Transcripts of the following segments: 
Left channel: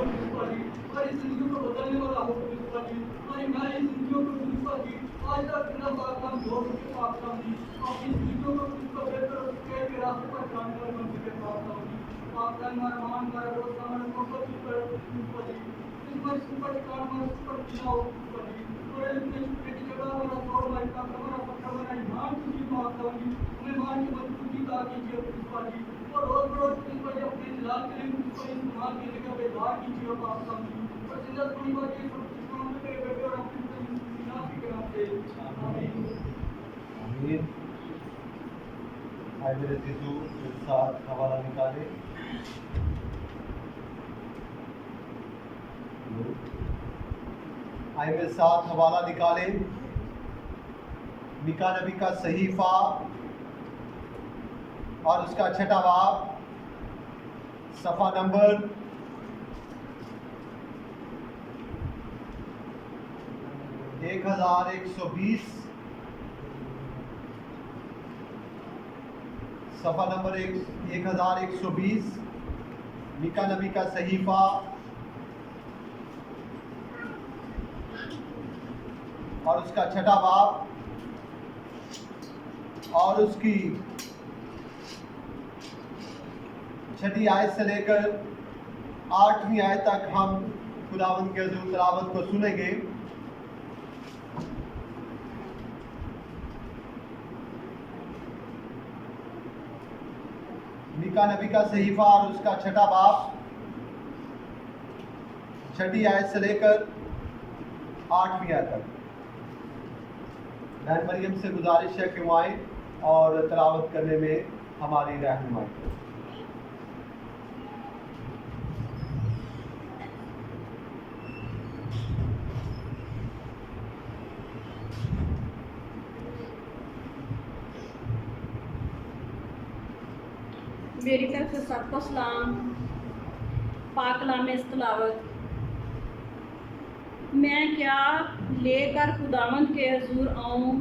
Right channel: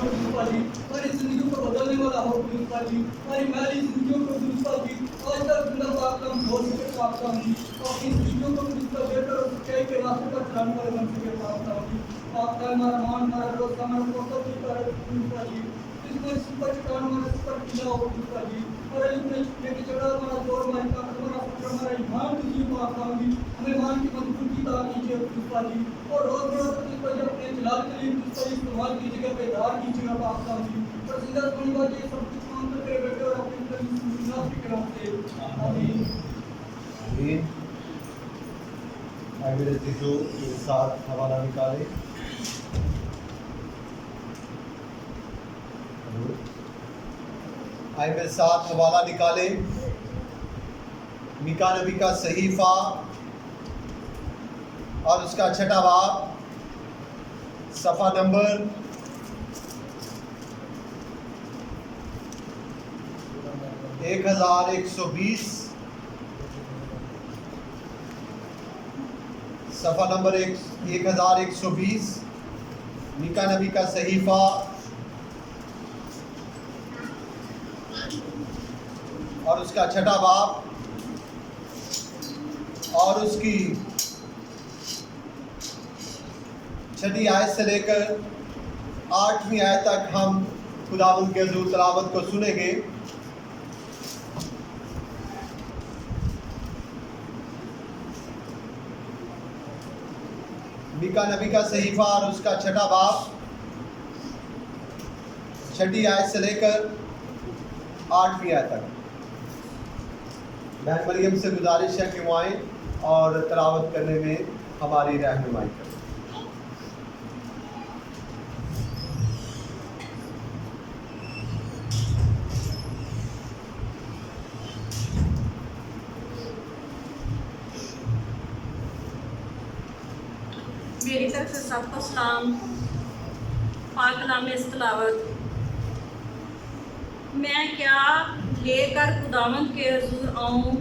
हो प्रिंसिपल जी, हमारी जिंदगी को बदलने वाला हो प्रिंसिपल जी, हमारी मैली जिंदगियों को प्रिंसिपल जी आज तक बिना पाकलाम हो सके पाकलाम जी, अपनी जिंदगियों को प्रिंसिपल बेहतर और सच्चाई के रास्ते पर चलाने वाले बन सके पाकलाम जी, पाकलाम हमारा मान हमारा रोज हमारा कोर्स की कर प्रिंसिपल जी, इस सुपर चट्टान हमारा सुपर किला हो प्रिंसिपल जी, और लिखने की जगह हमारा दौर हमारी ताकत हमारा फक्र हमारा ईमान कीजिए पाकलाम जी, हमें ईमान की मजबूती अता कीजिए प्रिंसिपल जी, और रोज रोज प्रिंसिपल जी अपने जलाल के लिए प्रिंसिपल इस्तेमाल की जगह पे धार कीजिएगा पाकलाम जी, और जिंदा सुनूंगा ये सब कुछ काम करते बेटे और अपने नाफी के नाम से आमीन आमीन। आए मेरे जीजू एक साथ हवाला निकाले। आए मेरे साथ हवाला निकाले। मीका नबी का सहीफा और उसका छठा बाब, सफ़ा नंबर 1120, सफ़ा नंबर 1120, मीका नबी का सहीफा और उसका छठा बाब और उसकी छठी आयत से लेकर 8वीं आयत तक हम खुदावंद के हुज़ूर तिलावत को सुनेंगे। मीका नबी का सहीफा और उसका छठा बाब, छठी आयत से लेकर 8वीं आयत तक। बहन मरियम से गुजारिश है कि वो आएँ और तिलावत करने में हमारी रहनुमाई करें। मेरी तरफ से सबको सलाम। पाक कलाम तिलावत। मैं क्या लेकर खुदावंद के हुज़ूर आऊँ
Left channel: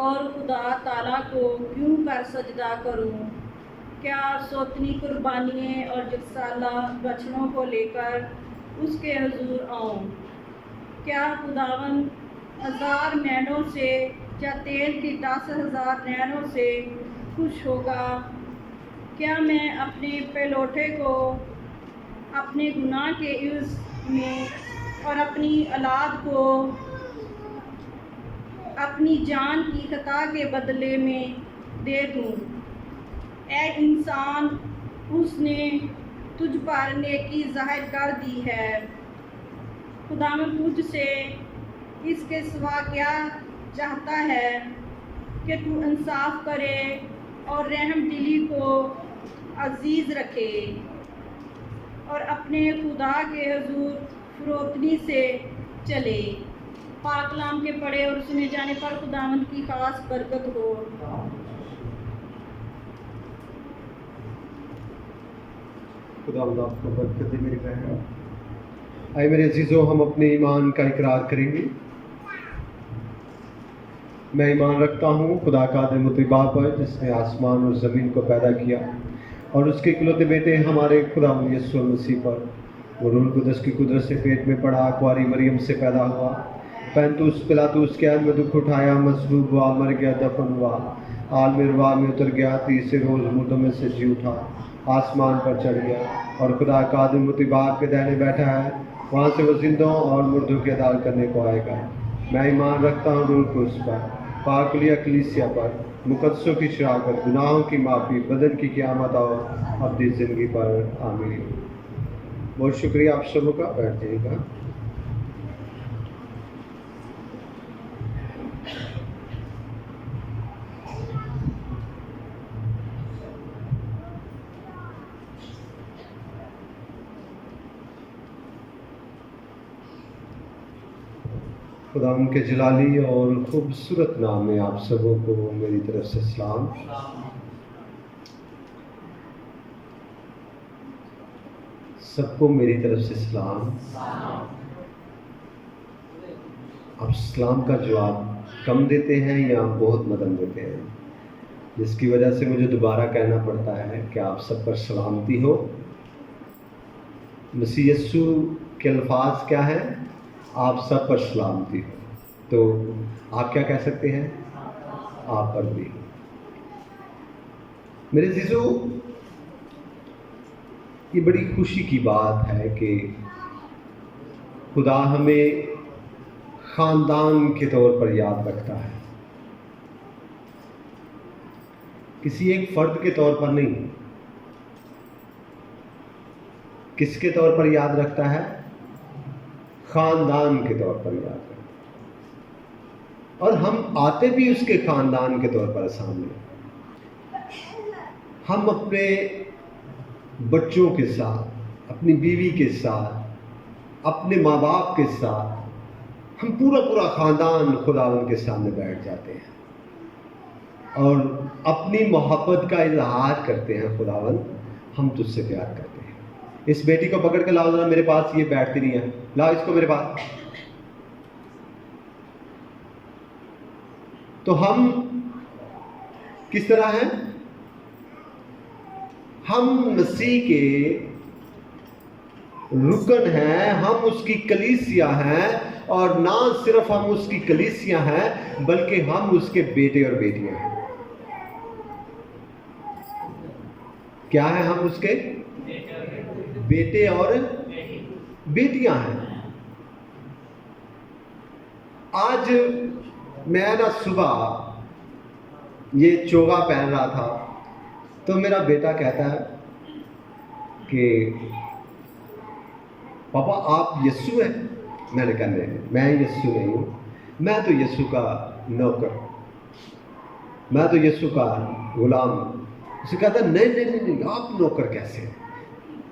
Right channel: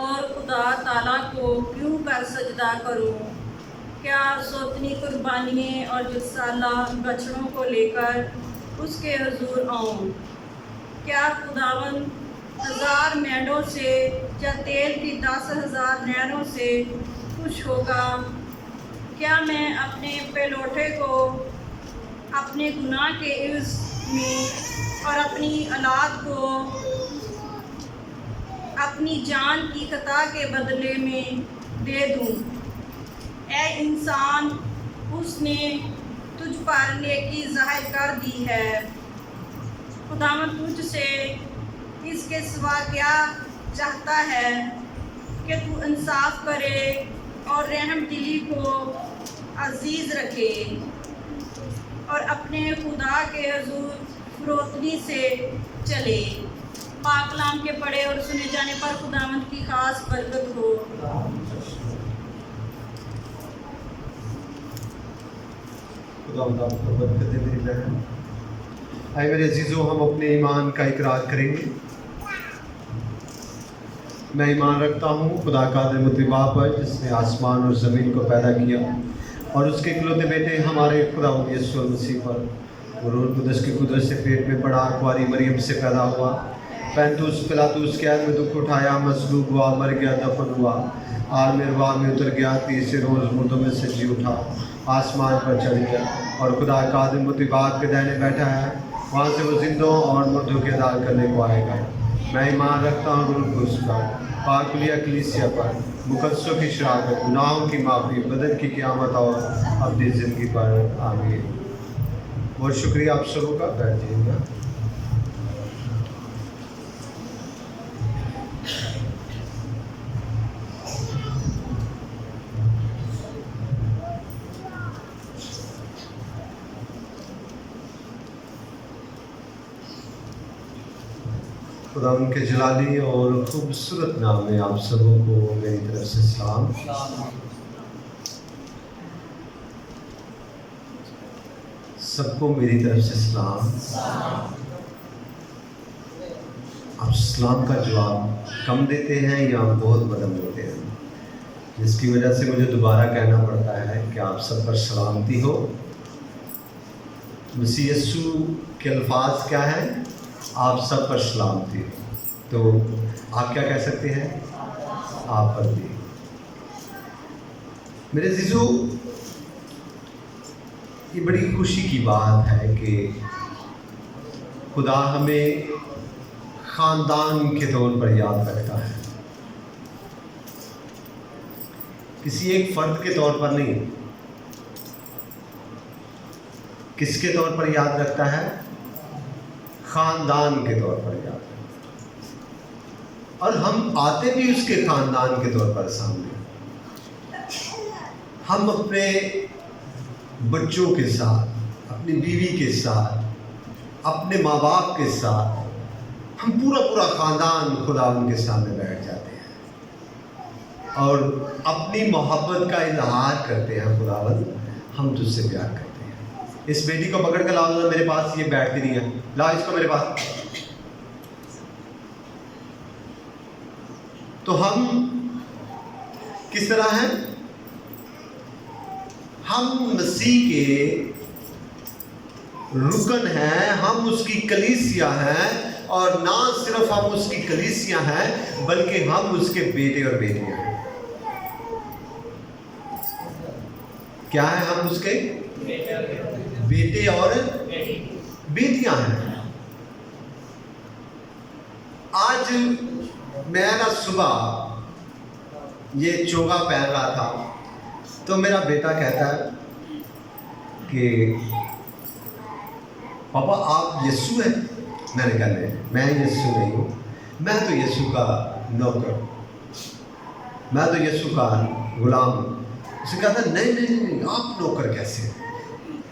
और खुदा ताला को क्यों कर सजदा करूँ? क्या सोतनी कुर्बानियाँ और जिसाला बछड़ों को लेकर उसके हुज़ूर आऊँ? क्या खुदावंद 1000 मेंढों से या तेल की 10,000 नहरों से खुश होगा? क्या मैं अपने पेलोठे को अपने गुनाह के इव्ज़ में और अपनी औलाद को अपनी जान की खता के बदले में दे दूँ? ऐ इंसान, उसने तुझ पर नेकी ज़ाहिर कर दी है। खुदावंद तुझसे इसके सिवा क्या चाहता है कि तू इंसाफ करे और रहम दिली को अजीज़ रखे और अपने खुदा के हुज़ूर फरोतनी से चले। पाक कलाम के पढ़े और सुने जाने पर खुदावंद की खास बरकत हो। खुदावंद आपको बरकत दे मेरी बहन। आए मेरे अजीज़ों, हम अपने ईमान का इकरार करेंगे। मैं ईमान रखता हूँ खुदा कादिर मुतबा पर, जिसने आसमान और ज़मीन को पैदा किया, और उसके इकलौते बेटे हमारे खुदावंद यीशु मसीह पर, वो रूह कुदस की कुदरत से पेट में पड़ा, कुंवारी मरियम से पैदा हुआ, पैंतुस पिलातुस के में दुख उठाया, मसलूब हुआ, मर गया, दफन हुआ, आलमिरवा में उतर गया, तीसरे रोज़ मुर्दों में से जी उठा, आसमान पर चढ़ गया और खुदा कादिर मुतबा के दाहिने बैठा है। वहाँ से वो जिंदों और मुर्दों की अदालत करने को आएगा। मैं ईमान रखता हूँ रूह कुदस पर, पाकुलिया कलीसिया पर, मुकद्दसों की शराकत, गुनाहों की माफ़ी, बदन की क़यामत और अपनी ज़िंदगी पर। आमीन। बहुत शुक्रिया आप सबों का। बैठ जाइएगा। खुदा उनके जलाली और खूबसूरत नाम में आप सबों को मेरी तरफ से सलाम। सबको मेरी तरफ से सलाम। आप सलाम का जवाब कम देते हैं या बहुत मदम देते हैं, जिसकी वजह से मुझे दोबारा कहना पड़ता है कि आप सब पर सलामती हो। मसीह यस्सु के अल्फाज क्या हैं? आप सब पर सलामती। तो आप क्या कह सकते हैं? आप पर भी। मेरे अज़ीज़ों, ये बड़ी खुशी की बात है कि खुदा हमें ख़ानदान के तौर पर याद रखता है, किसी एक फ़र्द के तौर पर नहीं। किसके तौर पर याद रखता है? ख़ानदान के तौर पर याद रखता है। और हम आते भी उसके ख़ानदान के तौर पर सामने। हम अपने बच्चों के साथ, अपनी बीवी के साथ, अपने माँ बाप के साथ, हम पूरा ख़ानदान खुदा उनके सामने बैठ जाते हैं और अपनी मोहब्बत का इजहार करते हैं। खुदावन, हम तुझसे प्यार करते हैं। इस बेटी को पकड़ कर लाओ जरा मेरे पास, ये बैठती नहीं है, लाओ इसको मेरे पास। तो हम किस तरह हैं? हम मसीह के रुकन हैं, हम उसकी कलीसिया हैं, और ना सिर्फ हम उसकी कलीसिया हैं बल्कि हम उसके बेटे और बेटियां हैं। क्या है? हम उसके बेटे और बेटियां हैं। आज मैं ना सुबह ये चोगा पहन रहा था तो मेरा बेटा कहता है कि पापा आप यीशु हैं? मैंने कहा नहीं, मैं यीशु नहीं हूँ, मैं तो यीशु का नौकर, मैं तो यीशु का गुलाम हूँ। उसे कहता नहीं नहीं नहीं, आप नौकर कैसे?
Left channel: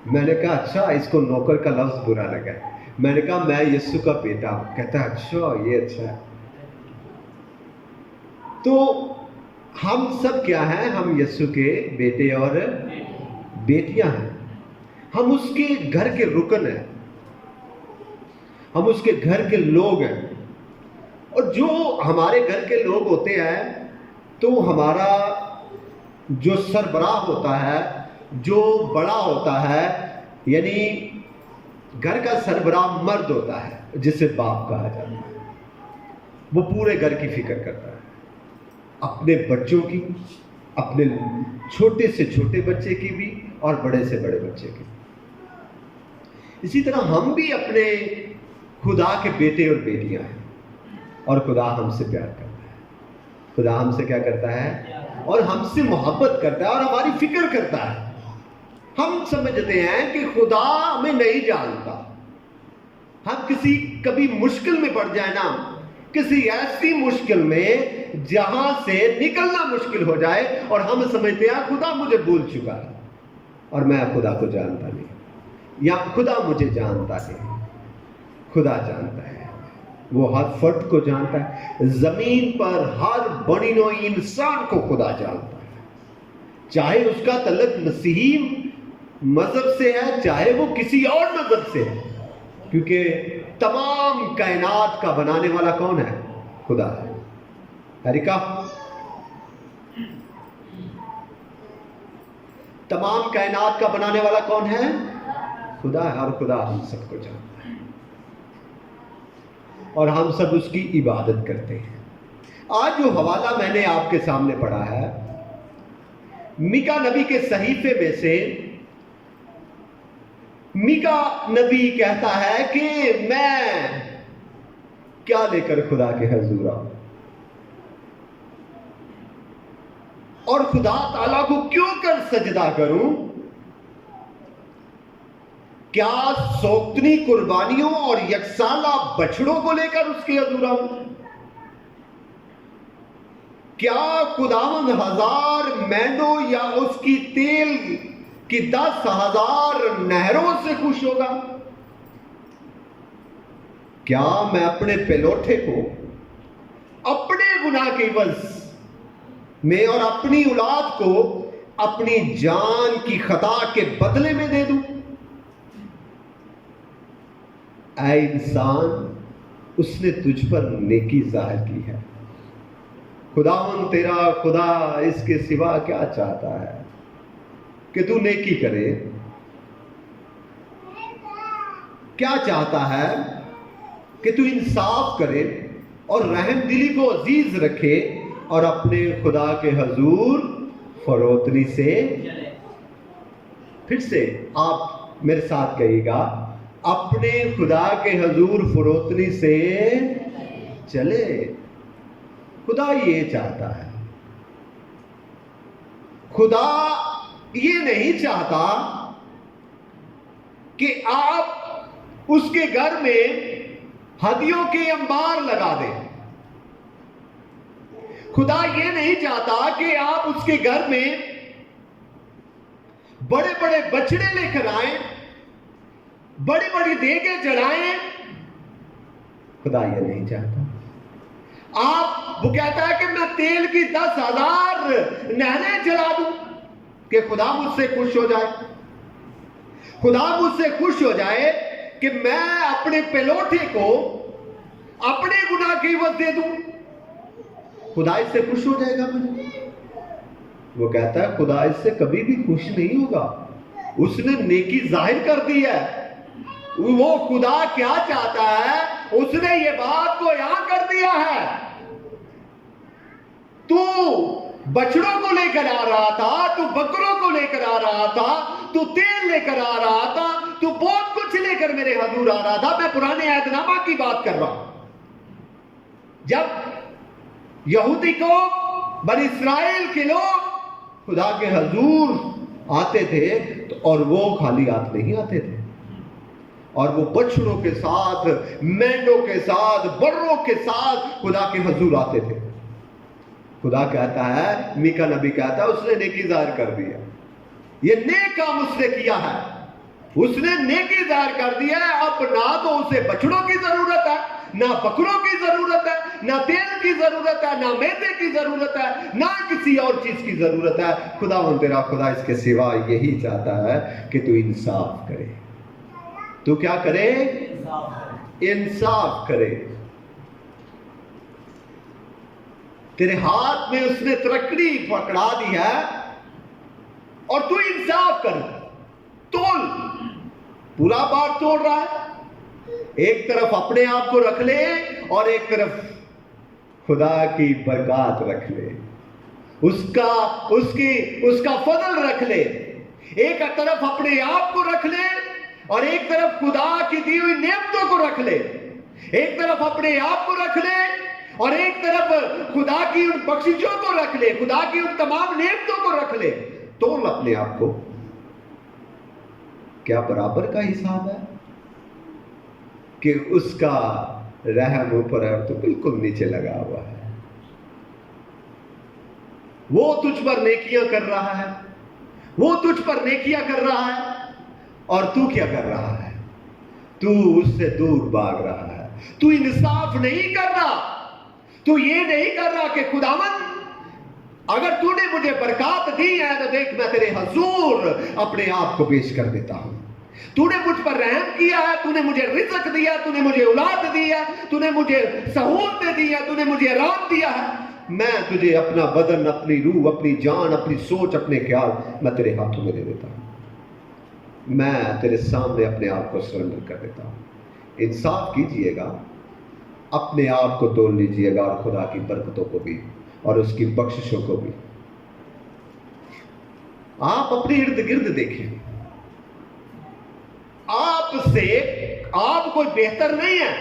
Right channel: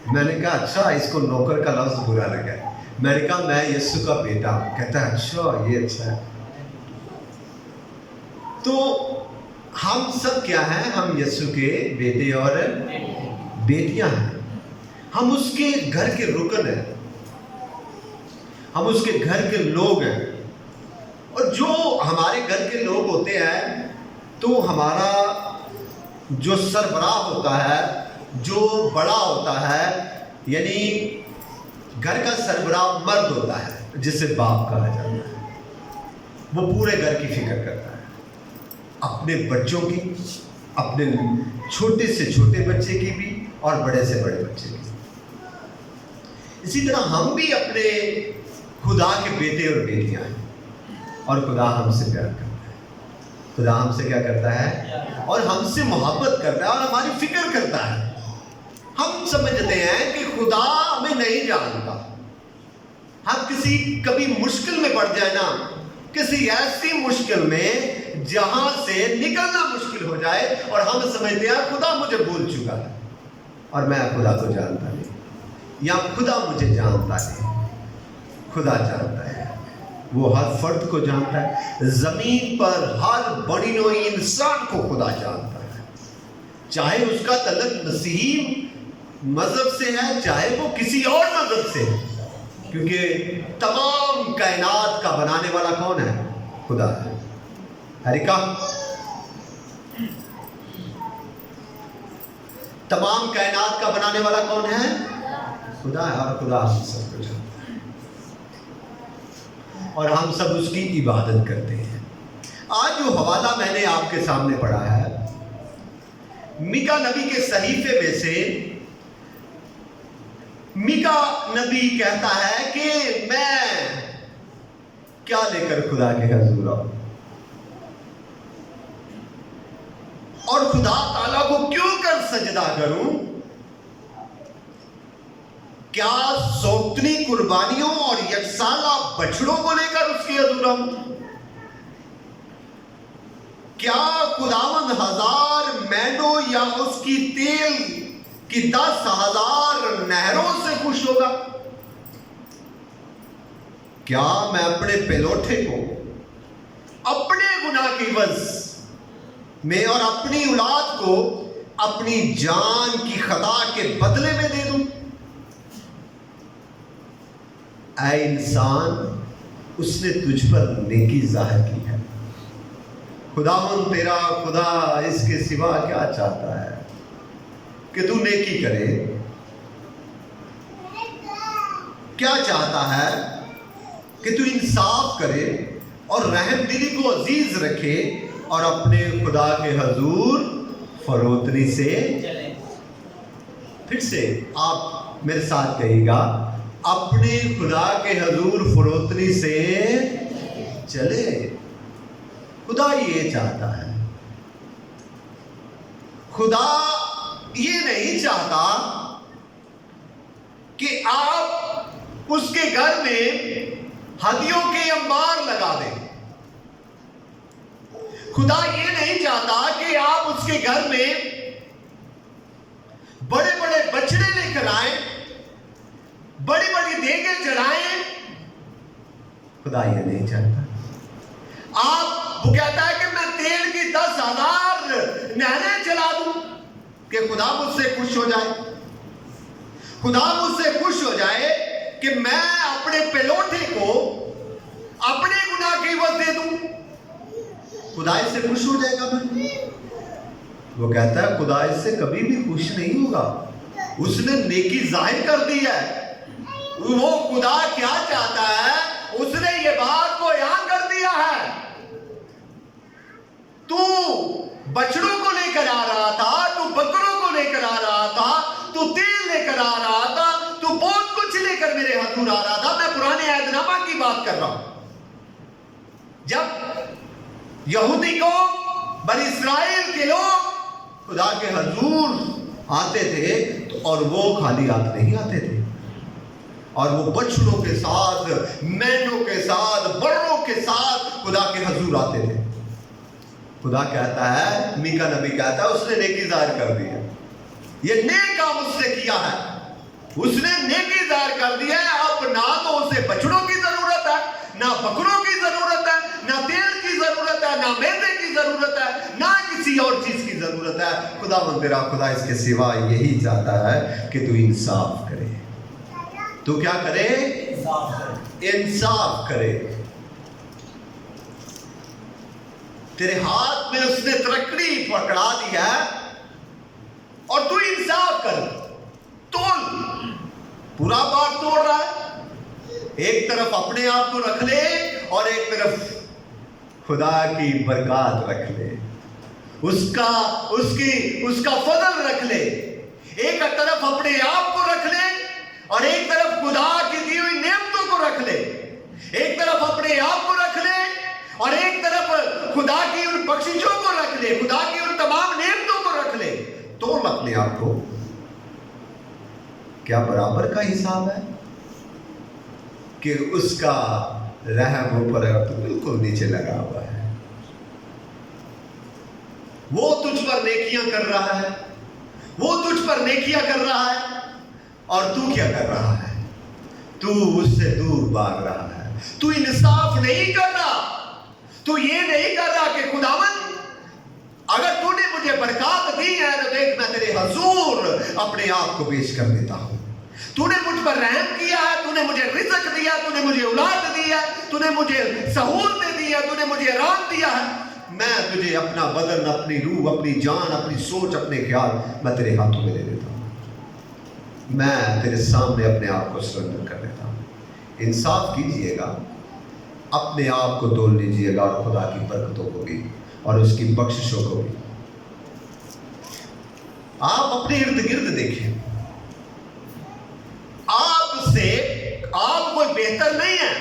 मैंने कहा अच्छा, इसको नौकर का लफ्ज़ बुरा लगा है। मैंने कहा मैं यीशु का बेटा हूँ। कहता है अच्छा, ये अच्छा है। तो हम सब क्या हैं? हम यीशु के बेटे और बेटियां हैं। हम उसके घर के रुकन हैं, हम उसके घर के लोग हैं। और जो हमारे घर के लोग होते हैं तो हमारा जो सरबराह होता है, जो बड़ा होता है, यानी घर का सरबराह मर्द होता है जिसे बाप कहा जाता है, वो पूरे घर की फिक्र करता है, अपने बच्चों की, अपने छोटे से छोटे बच्चे की भी और बड़े से बड़े बच्चे की। इसी तरह हम भी अपने खुदा के बेटे और बेटियां हैं और खुदा हमसे प्यार करता है। खुदा हमसे क्या करता है? और हमसे मोहब्बत करता है और हमारी फिक्र करता है। हम समझते हैं कि खुदा हमें नहीं जानता। हम कभी मुश्किल में पड़ जाए ना, किसी ऐसी मुश्किल में जहां से निकलना मुश्किल हो जाए और हम समझते हैं खुदा मुझे भूल चुका है और मैं खुदा को जानता नहीं, या खुदा मुझे जानता है। खुदा जानता है, वो हर फर्द को जानता है। ज़मीन पर हर बनी हुई इंसान को खुदा जानता है, चाहे उसका तल्लुक मसीही मज़हब से है, चाहे वो किसी और मज़हब से है, क्योंकि तमाम कायनात का बनाने वाला कौन है? खुदा है। हरिका, तमाम कायनात का बनाने वाला कौन है? खुदा है। और खुदा हम सबको जानता है और हम सब उसकी इबादत करते हैं। आज जो हवाला मैंने आपके सामने पढ़ा है, मीका नबी के सहीफे में से मीका नबी कहता है कि मैं क्या लेकर खुदा के हजूर आऊं और खुदा ताला को क्यों कर सजदा करूं? क्या सोक्तनी कुर्बानियों और यकसाला बछड़ों को लेकर उसके हजूर आऊं? क्या खुदावंद 1000 मेंढों या उसकी तेल कि 10,000 नहरों से खुश होगा? क्या मैं अपने पेलोठे को अपने गुनाह के इवज़ में और अपनी औलाद को अपनी जान की खता के बदले में दे दूं? ऐ इंसान, उसने तुझ पर नेकी जाहिर की है। खुदावंद तेरा खुदा इसके सिवा क्या चाहता है कि तू नेकी करे? کیا چاہتا ہے کہ تو انصاف کرے اور رحم دلی کو عزیز رکھے اور اپنے خدا کے حضور فروتنی سے پھر سے آپ میرے ساتھ کہیے گا، اپنے خدا کے حضور فروتنی سے چلے۔ خدا یہ چاہتا ہے، خدا یہ نہیں چاہتا کہ آپ اس کے گھر میں ہدیوں کے انبار لگا دیں۔ خدا یہ نہیں چاہتا کہ آپ اس کے گھر میں بڑے بڑے بچڑے لے کر آئیں، بڑی بڑی دیگیں چڑھائیں۔ خدا یہ نہیں چاہتا۔ وہ کہتا ہے کہ میں تیل کی 10,000 نہریں چلا دوں کہ خدا مجھ سے خوش ہو جائے، خدا مجھ سے خوش ہو جائے کہ میں اپنے پلوٹے کو اپنے گناہ کی عوض دے دوں۔ خدا اس سے خوش ہو جائے گا میں؟ وہ کہتا ہے خدا اس سے کبھی بھی خوش نہیں ہوگا۔ اس نے نیکی ظاہر کر دی ہے۔ وہ خدا کیا چاہتا ہے؟ اس نے یہ بات کو بیان کر دیا ہے۔ تو بچڑوں کو لے کر آ رہا تھا، تو بکروں کو لے کر آ رہا تھا، تو تیل لے کر آ رہا تھا، تو بہت کچھ لے کر میرے حضور آ رہا تھا۔ میں پرانے عہد نامہ کی بات کر رہا ہوں۔ جب یہودی کو، بنی اسرائیل کے لوگ خدا کے حضور آتے تھے اور وہ خالی ہاتھ نہیں آتے تھے، اور وہ بچڑوں کے ساتھ، مینڈوں کے ساتھ، بروں کے ساتھ خدا کے حضور آتے تھے۔ خدا کہتا ہے، میکا نبی کہتا ہے، اس نے نیکی ظاہر کر دیا۔ یہ نیک کام اس نے کیا ہے، اس نے نیکی ظاہر کر دیا ہے۔ اب نہ تو اسے بچڑوں کی ضرورت ہے، نہ بکروں کی ضرورت ہے، نہ تیل کی ضرورت ہے، نہ میدے کی ضرورت ہے، نہ کسی اور چیز کی ضرورت ہے۔ خداوند تیرا خدا اس کے سوا یہی چاہتا ہے کہ تو انصاف کرے۔ تو کیا کرے؟ انصاف کرے۔ تیرے ہاتھ میں اس نے ترکڑی پکڑا دی ہے اور تو انصاف کر، تول، پورا بار توڑ رہا ہے۔ ایک طرف اپنے آپ کو رکھ لے اور ایک طرف خدا کی برکات رکھ لے، اس کا فضل رکھ لے۔ ایک طرف اپنے آپ کو رکھ لے اور ایک طرف خدا کی دی ہوئی نعمتوں کو رکھ لے۔ ایک طرف اپنے آپ کو رکھ لے اور ایک طرف خدا کی ان بخششوں کو رکھ لے، خدا کی ان تمام نعمتوں کو رکھ لے۔ تول اپنے آپ کو، کیا برابر کا حساب ہے کہ اس کا رحم اوپر ہے تو بالکل نیچے لگا ہوا ہے۔ وہ تجھ پر نیکیاں کر رہا ہے، وہ تجھ پر نیکیاں کر رہا ہے، اور تو کیا کر رہا ہے؟ تو اس سے دور بھاگ رہا ہے۔ تو انصاف نہیں کر رہا، تو یہ نہیں کر رہا کہ خداوند اگر تو نے مجھے برکات دی ہے تو دیکھ میں تیرے حضور اپنے آپ کو پیش کر دیتا ہوں۔ تو نے مجھ پر رحم کیا ہے، تو نے مجھے رزق دیا، تو نے مجھے اولاد دی ہے، تو نے مجھے سہولتیں دی ہے، تو نے مجھے آرام دیا ہے۔ میں تجھے اپنا بدن، اپنی روح، اپنی جان، اپنی سوچ، اپنے خیال میں تیرے ہاتھوں میں دے دیتا ہوں۔ میں تیرے سامنے اپنے آپ کو سرنڈر کر دیتا ہوں۔ انصاف کیجئے گا، اپنے آپ کو تول لیجئے گا، اور خدا کی برکتوں کو بھی اور اس کی بخششوں کو بھی۔ آپ اپنے ارد گرد دیکھیں، آپ کوئی بہتر نہیں ہے،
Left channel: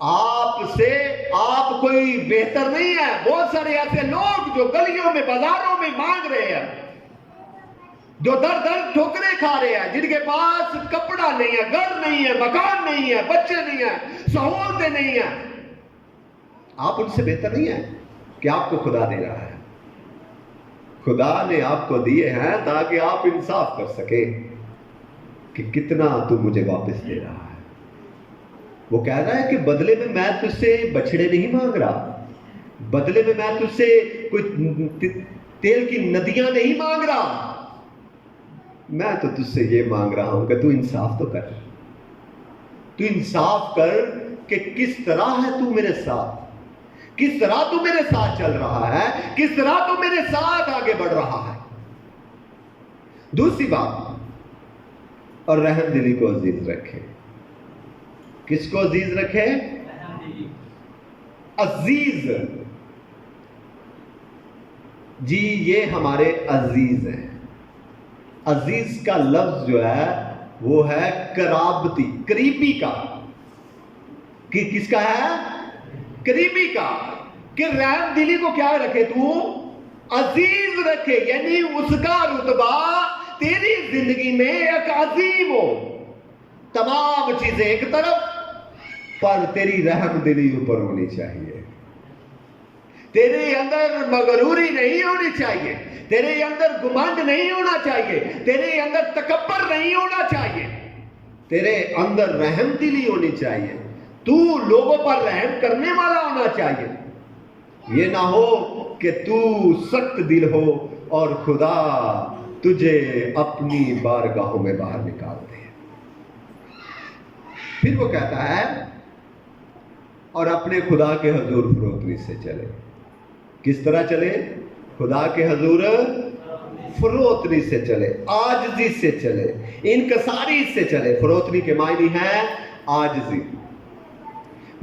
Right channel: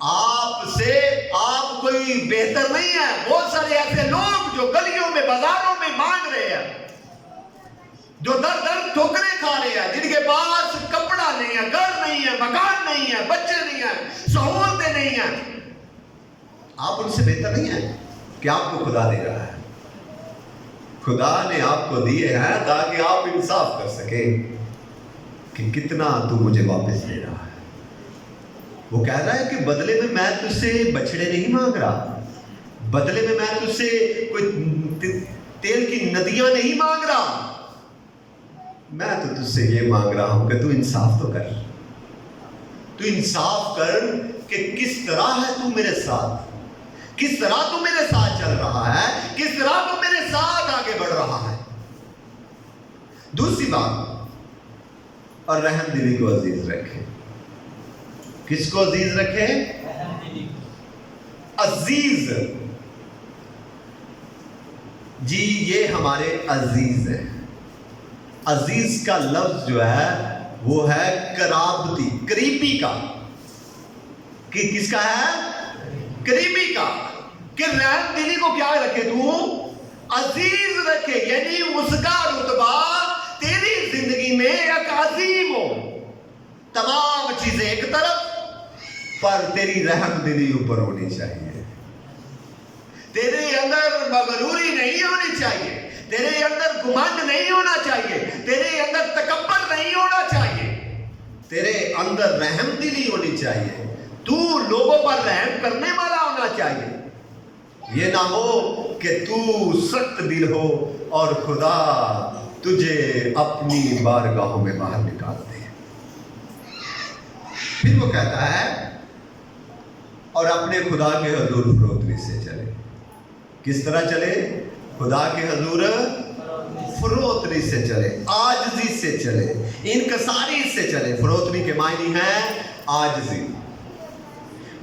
آپ کوئی بہتر نہیں ہے۔ بہت سارے ایسے لوگ جو گلیوں میں، بازاروں میں مانگ رہے ہیں، جو در در ٹھوکریں کھا رہے ہیں، جن کے پاس کپڑا نہیں ہے، گھر نہیں ہے، مکان نہیں ہے، بچے نہیں ہیں، سہولتیں نہیں ہیں، آپ ان سے بہتر نہیں ہیں کہ آپ کو خدا دے رہا ہے۔ خدا نے آپ کو دیے ہیں تاکہ آپ انصاف کر سکیں کہ کتنا تو مجھے واپس دے رہا ہے۔ وہ کہہ رہا ہے کہ بدلے میں تجھ سے بچڑے نہیں مانگ رہا، بدلے میں تجھ سے کوئی تیل کی ندیاں نہیں مانگ رہا، میں تو تجھ سے یہ مانگ رہا ہوں کہ تو انصاف تو کر، تو انصاف کر کہ کس طرح ہے تو میرے ساتھ، کس طرح تو میرے ساتھ چل رہا ہے، کس طرح تو میرے ساتھ آگے بڑھ رہا ہے۔ دوسری بات، اور رحم دلی کو عزیز رکھے. کس کو عزیز رکھے؟ عزیز. جی یہ ہمارے عزیز ہیں. عزیز کا لفظ جو ہے وہ ہے قرابتی، قریبی کا. کس کا ہے؟ قریبی کا. کہ رحم دلی کو کیا رکھے تو؟ عزیز رکھے. یعنی اس کا رتبہ تیری زندگی میں ایک عظیم ہو. تمام چیزیں ایک طرف پر تیری رحم دلی اوپر ہونی چاہیے. تیرے اندر مغروری نہیں ہونی چاہیے. تیرے اندر گمنڈ نہیں ہونا چاہیے. تیرے اندر تکبر نہیں ہونا چاہیے. تیرے اندر رحم دلی ہونی چاہیے. تو لوگوں پر رحم کرنے والا ہونا چاہیے. یہ نہ ہو کہ تو سخت دل ہو اور خدا تجھے اپنی بارگاہوں میں باہر نکال دے. پھر وہ کہتا ہے اور اپنے خدا کے حضور فروتنی سے چلے. کس طرح چلے؟ خدا کے حضور فروتنی سے چلے، عاجزی سے چلے، انکساری سے چلے. فروتنی کے معنی ہے عاجزی،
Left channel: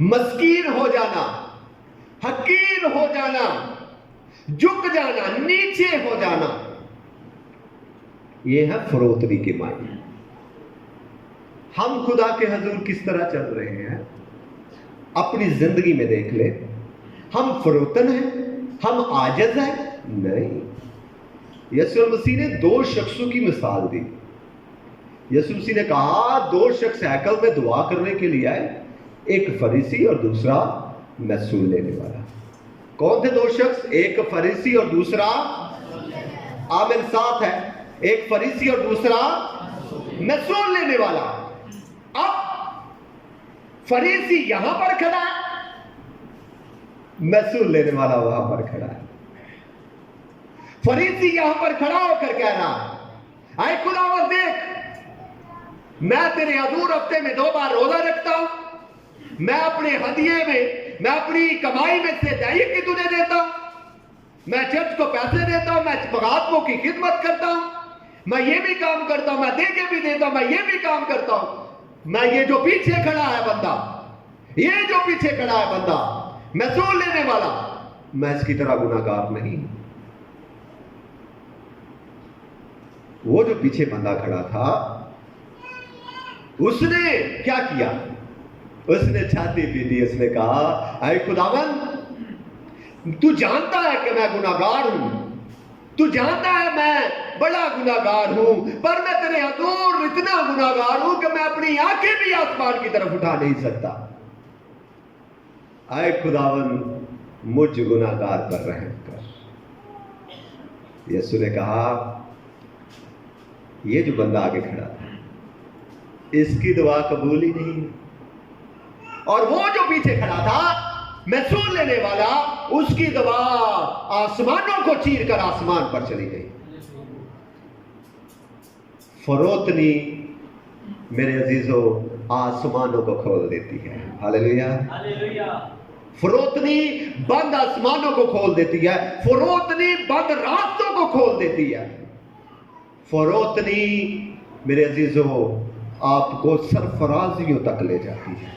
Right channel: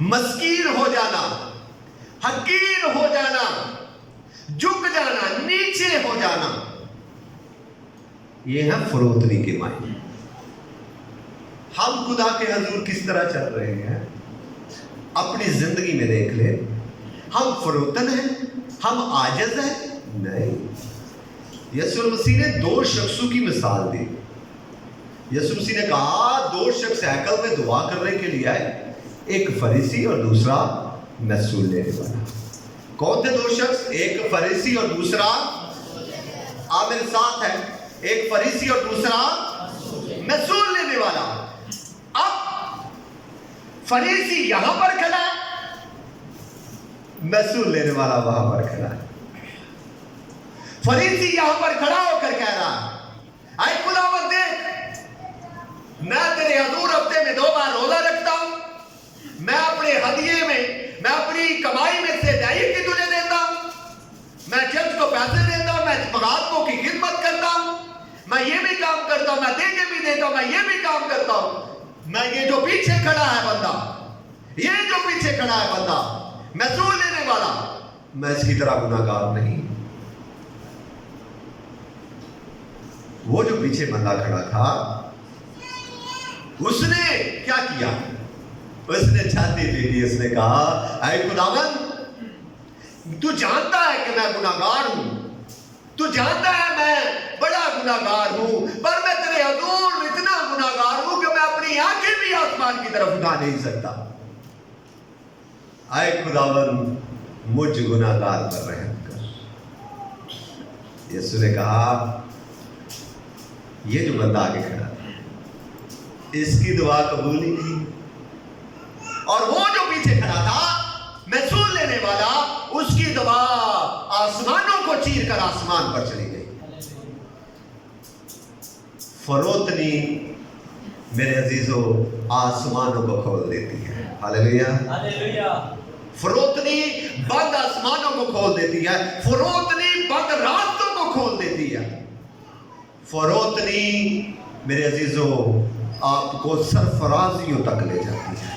مسکین ہو جانا، حقیر ہو جانا، جھک جانا، نیچے ہو جانا. یہ ہے فروتنی کے معنی. ہم خدا کے حضور کس طرح چل رہے ہیں؟ اپنی زندگی میں دیکھ لے. ہم فروتن ہیں؟ ہم عاجز ہیں؟ نہیں. یسوع مسیح نے 2 شخصوں کی مثال دی. یسوع مسیح نے کہا 2 شخص ہیکل میں دعا کرنے کے لیے آئے، ایک فریسی اور دوسرا محصول لینے والا. کون تھے 2 شخص؟ ایک فریسی اور دوسرا عامل ساتھ ہے. ایک فریسی اور دوسرا محصول لینے والا. اب فریسی یہاں پر کھڑا ہے، محصول لینے والا وہاں پر کھڑا ہے. فریسی یہاں پر کھڑا ہو کر کہہ رہا ہے اے خداوند دیکھ، میں تیرے حضور ہفتے میں 2 بار روزہ رکھتا ہوں، میں اپنے ہدیے میں اپنی کمائی میں سے 2.5 کی تجھے دیتا ہوں، میں چرچ کو پیسے دیتا ہوں، میں مغازوں کی خدمت کرتا ہوں، میں یہ بھی کام کرتا ہوں، میں دے کے بھی دیتا ہوں، میں یہ بھی کام کرتا ہوں. میں یہ جو پیچھے کھڑا ہے بندہ، یہ جو پیچھے کھڑا ہے بندہ محصول لینے والا، میں اس کی طرح گناہگار نہیں. وہ جو پیچھے بندہ کھڑا تھا اس نے کیا کیا؟ اس نے چھاتی پیٹی. اس نے کہا اے خداوند تو جانتا ہے کہ میں گناہگار ہوں، تو جانتا ہے میں بڑا گناہگار ہوں، پر میں تیرے حضور اتنا گناہگار ہوں کہ میں اپنی آنکھیں بھی آسمان کی طرف اٹھا نہیں سکتا. اے خداوند مجھ گناہگار پر رحم کر. یسوع نے کہا یہ جو بندہ آگے کھڑا تھا اس کی دعا قبول ہی نہیں. اور وہ جو پیچھے کھڑا تھا محصول لینے والا، اس کی دعا آسمانوں کو چیر کر آسمان پر چلی گئی. فروتنی میرے عزیزو آسمانوں کو کھول دیتی ہے. ہاللیلویہ. فروتنی بند آسمانوں کو کھول دیتی ہے. فروتنی بند راستوں کو کھول دیتی ہے. فروتنی میرے عزیزو آپ کو سرفرازیوں تک لے جاتی ہے.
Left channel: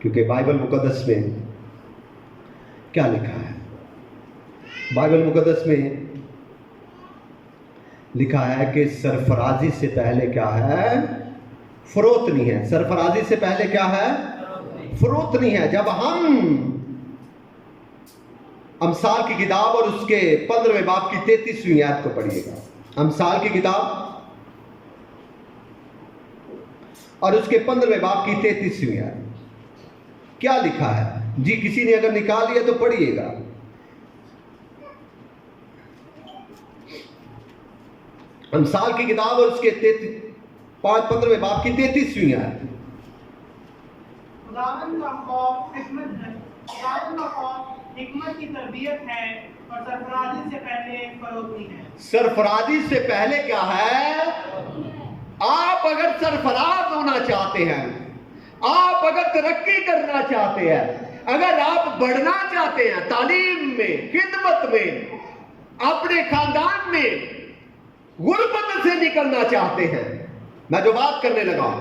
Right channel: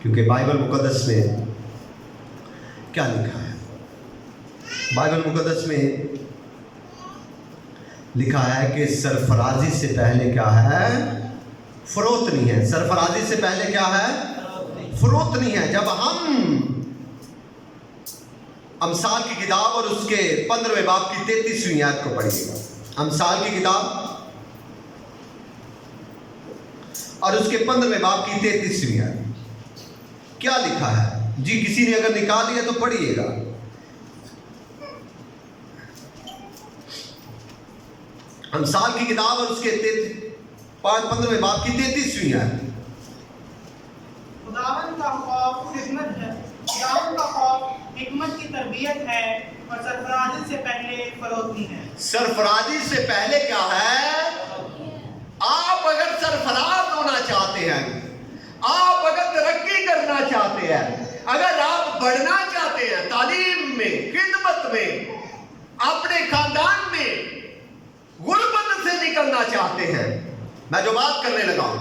کیونکہ بائبل مقدس میں کیا لکھا ہے؟ بائبل مقدس میں لکھا ہے کہ سرفرازی سے پہلے کیا ہے؟ فروتنی ہے. سرفرازی سے پہلے کیا ہے؟ فروتنی ہے. جب ہم امثال کی کتاب اور اس کے 15ویں باب کی 33ویں آیت کو پڑھیے گا. امثال کی کتاب اور اس کے 15ویں باب کی 33ویں آیت کیا لکھا ہے؟ جی کسی نے اگر نکال لیا تو پڑھیے گا. امثال کی کتاب اور اس کے 15ویں باب کی 33ویں آیت. خداوند کا خوف حکمت ہے، خداوند کا خوف حکمت کی تربیت ہے اور سرفرازی سے پہلے فروتنی ہے. سرفرازی سے پہلے کیا ہے؟ آپ اگر سرفراز ہونا چاہتے ہیں، آپ اگر ترقی کرنا چاہتے ہیں، اگر آپ بڑھنا چاہتے ہیں تعلیم میں، خدمت میں، اپنے خاندان میں، غربت سے نکلنا چاہتے ہیں، मैं जो बात करने लगा हूं,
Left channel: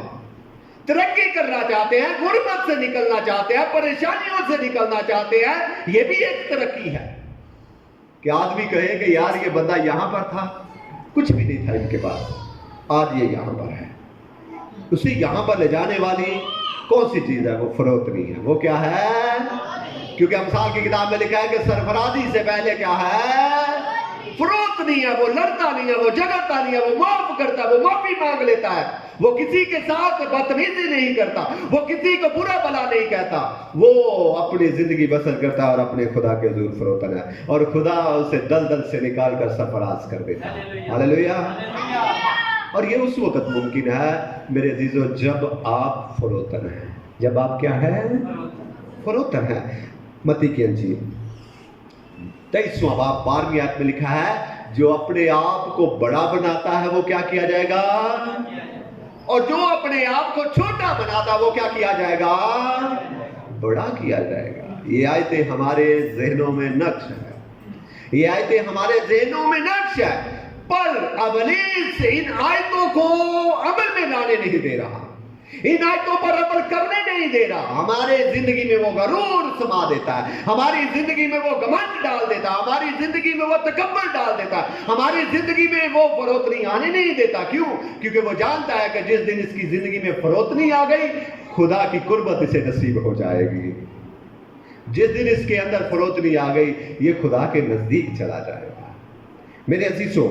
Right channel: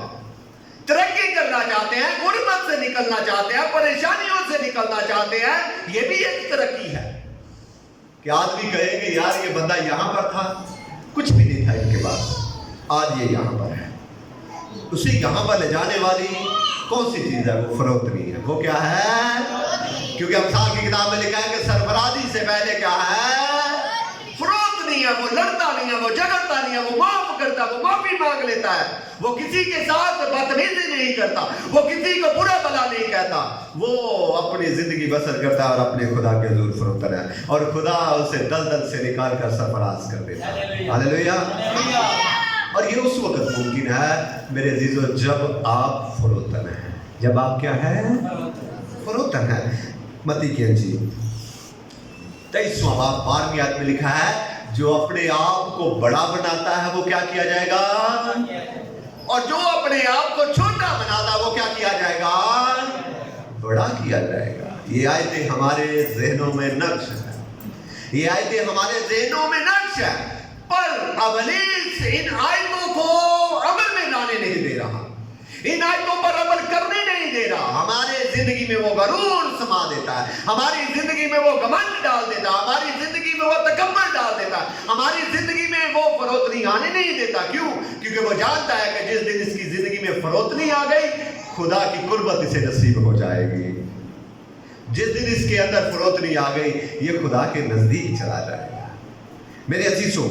तरक्की करना चाहते हैं, गुर्बत से निकलना चाहते हैं, परेशानियों से निकलना चाहते हैं, ये भी एक तरक्की है। कि आदमी कहे कि यार ये बंदा यहां पर था, कुछ भी नहीं था इनके पास, आज ये यहां पर है। उसे यहां पर ले जाने वाली कौन सी चीज है? वो फरोख्ती है। वो क्या है? क्योंकि अमसाल की किताब में लिखा है कि सरफराजी से पहले क्या है? फरोख्त नहीं है। वो लड़ता नहीं है, वो झगड़ता नहीं है, वो माफ करता है, वो माफी मांग लेता है, वो किसी के साथ बदतमीजी नहीं करता, वो किसी को बुरा भला नहीं कहता, वो अपनी जिंदगी बसर करता है और अपने खुदा के हुजूर फरोतन है, और खुदा उसे दलदल से निकाल कर सरफराज कर देता है। हालेलुया। और ये उस वक्त मुमकिन है मेरे अजीजों जब आप फरोतन हैं। जब आप क्या है? फरोतन है। मत्ती की इंजील 23वां बाब 12वीं आयत में लिखा है, जो अपने आप को बड़ा बनाता है वो क्या किया जाएगा, और जो अपने आप को छोटा बनाता है वो क्या किया जाएगा, बड़ा किया जाएगा। ये आयतें हमारे जहनों में नक्श है, ये आयतें हमारे जहनों में नक्श है, पर इब्लीस इन आयतों को अमल में लाने नहीं दे रहा, इन आयतों पर अमल करने नहीं दे रहा। हमारे जिंदगी में वो गरूर समा देता है, हमारी जिंदगी में वो घमंड डाल देता है, हमारी जिंदगी में वो तकब्बुर डाल देता है, हमारी जिंदगी में वो फरोतनी आने नहीं देता। क्यों? क्योंकि वो जानता है कि जिस दिन इसकी जिंदगी में फरोतनी आ गई, खुदा की कुर्बत इसे नसीब हो जाएगी। जिस दिन इसके अंदर फरोतनी आ गई, ये खुदा के नजदीक चला जाएगा। मेरे अजीजों,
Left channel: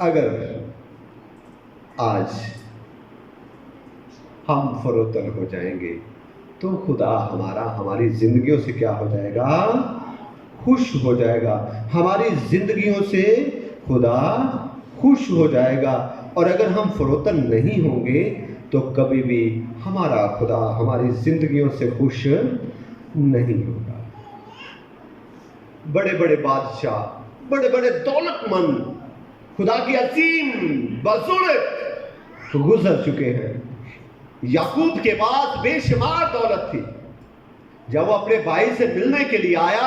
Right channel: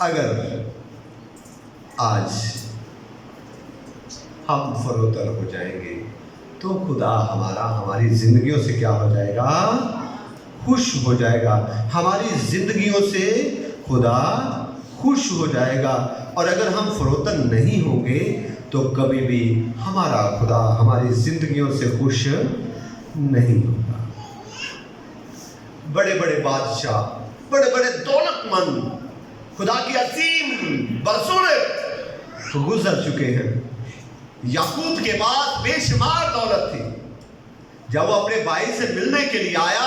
अगर आज हम फरोतर हो जाएंगे तो खुदा हमारी जिंदगियों से क्या हो जाएगा? खुश हो जाएगा। हमारी जिंदगियों से खुदा खुश हो जाएगा। और अगर हम फरोतर नहीं होंगे तो कभी भी हमारा खुदा हमारी जिंदगियों से खुश नहीं होगा। बड़े बड़े बादशाह, बड़े बड़े दौलतमंद, खुदा की असीम बसूरत गुजर चुके हैं। याकूब के पास बेशुमार दौलत थी। जब वो अपने भाई से मिलने के लिए आया,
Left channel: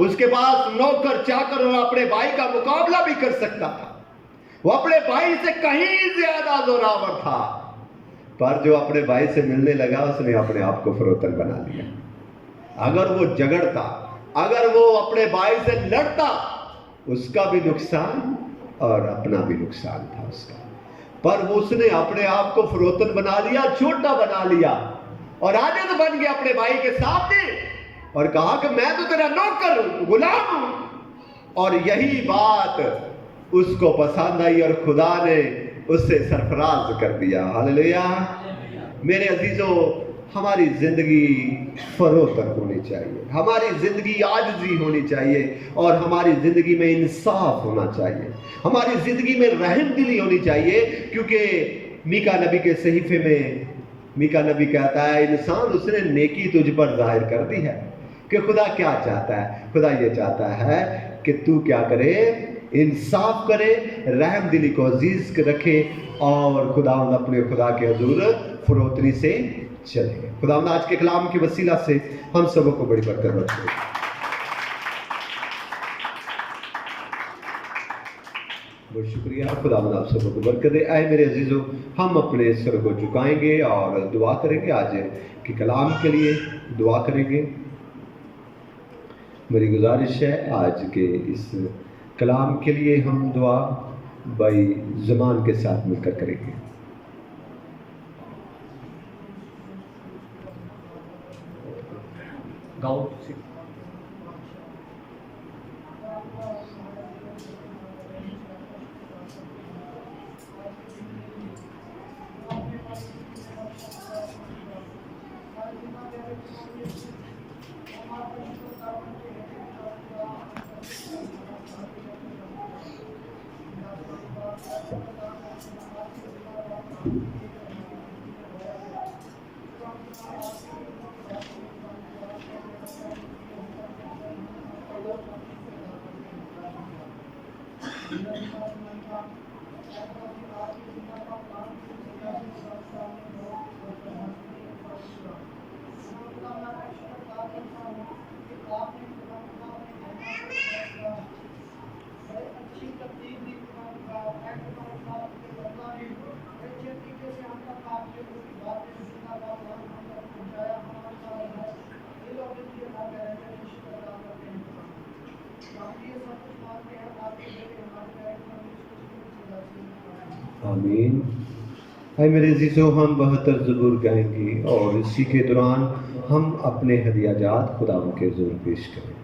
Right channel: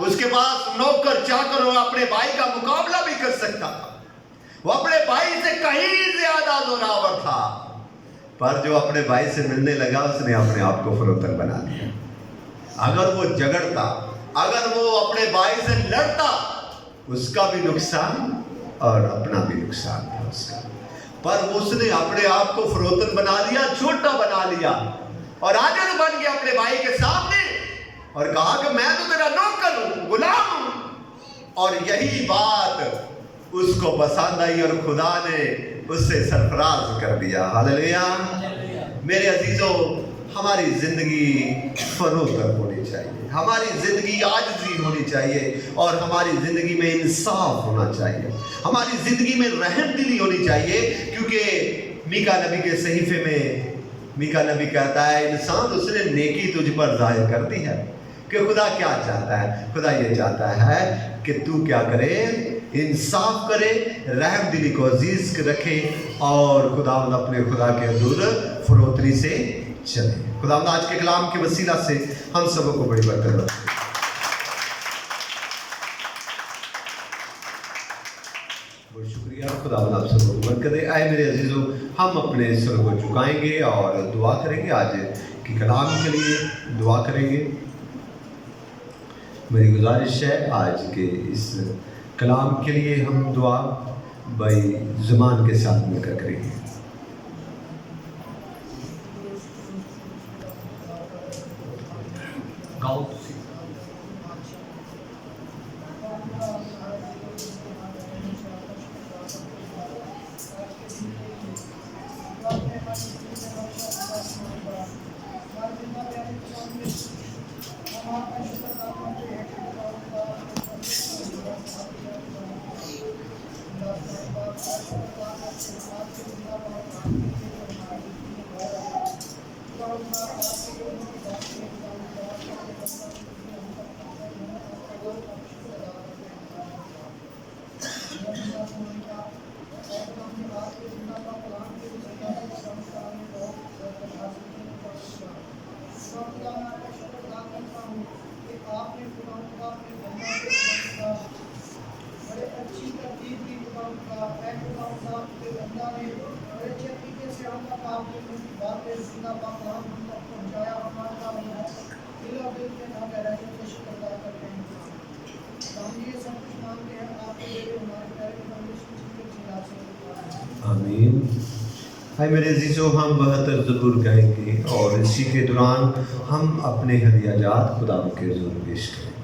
उसके पास नौकर चाकर और अपने भाई का मुकाबला भी कर सकता था। वो अपने भाई से कहीं ज्यादा जोरावर था, पर जो अपने भाई से मिलने लगा उसने अपने आप को फरोतन बना लिया। अगर वो झगड़ता, अगर वो अपने भाई से लड़ता, उसका भी नुकसान और अपना भी नुकसान था उसका, पर उसने अपने आप को फरोतन बना लिया, छोटा बना लिया और आजिज़ बन गया अपने भाई के सामने और कहा कि मैं तो तेरा नौकर हूं, गुलाम हूं। और यही बात उसको पसंद आई और खुदा ने उससे सरफराज कर दिया। हालेलुया। मेरे अजीजों, हमारी जिंदगी फरोतर होनी चाहिए, हमारी जिंदगी आजिज़ी होनी चाहिए और हमारी जिंदगी में इंसाफ होना चाहिए, हमारी जिंदगी में रहम दिली होनी चाहिए। क्योंकि मीका नबी के सहीफे में मीका नबी कहता है, इंसान उसने नेकी तुझ पर जाहिर कर दी है। कि खुदा क्या चाहता है? खुदा ये चाहता है कि तू क्या करे? इंसाफ करे, रहम दिली को अजीज रखे और खुदावंद अपने खुदा के हुजूर फरोतरी से चले। खुदावंद आज के कलाम के वसीला से हम सबों को बड़ी बरकत बख्शे। बहुत शुक्रिया। खुदावंद आप सबों को बरकत दे। आए मेरे अजीजों, हम अपने सर को झुकाएंगे और दुआ करेंगे। आज के कलाम के लिए दुआ करेंगे। मेरी गुजारिश है आज के इस कलाम के लिए हम दुआ भाई ज़ुबान के साथ मिलकर करेंगे। गाओ बड़े अच्छी तरतीब दी खुदा, मैं खुदा के बंदा ने आमीन। हाय मेरे अजीज़ों, हम 72 ज़रूर गाएंगे और इसी के दौरान हम अपने हदियाजात खुदा के ज़रूर पेश करें।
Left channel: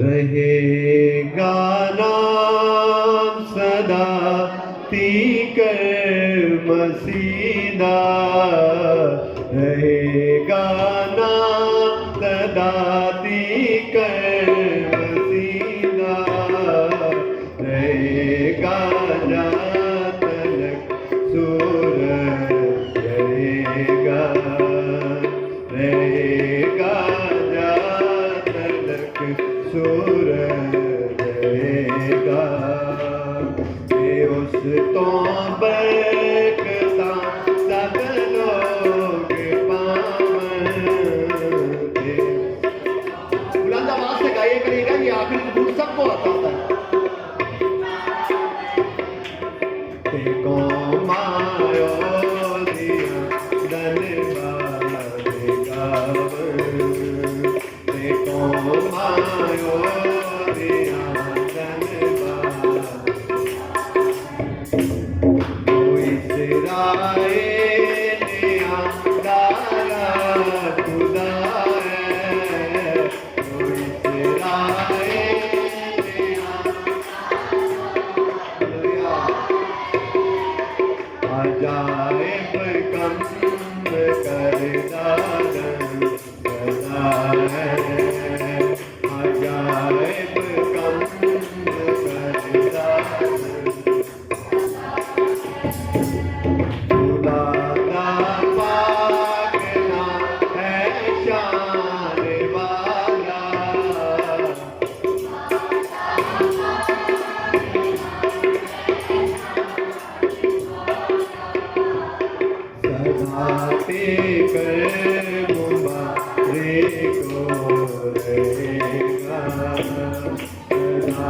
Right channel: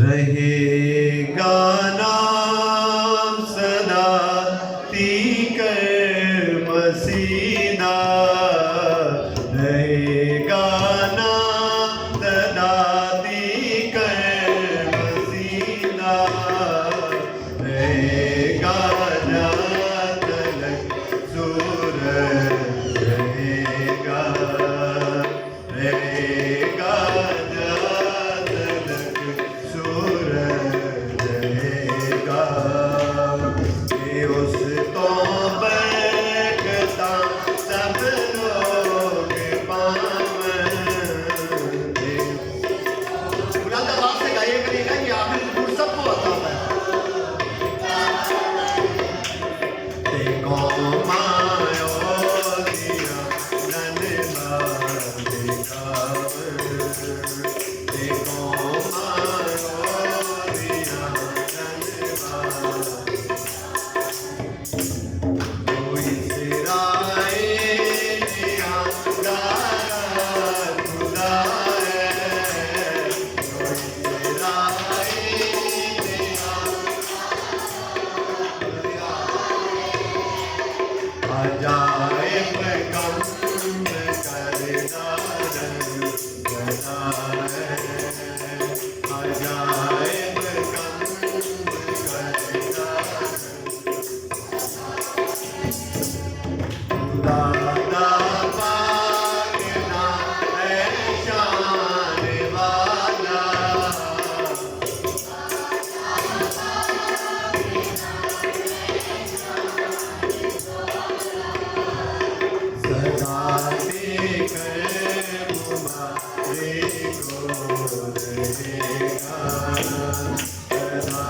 रहेगा नाम सदा पीकर मसीदा, रहेगा नाम सदा पीकर मसीदा, रहेगा जातलक सूरज, रहेगा रहेगा जातलक सूरज, रहेगा ये उस तो बरकता सब लोग पावन दे। बुलंद आवाज से गाइए करिएगा, ये आखिरी ज़रूर सबको बताता है। देखो मायो दिया धन्यवाद गावन, देखो मायो दिया धन्यवाद। कोई इस्राएल गाया खुदा है, कोई अजाइब कम करता करता है, अजाइब कम करता खुदा दा पाकना है शान वाला, सदा कर मुबारे को रहेगा, सदा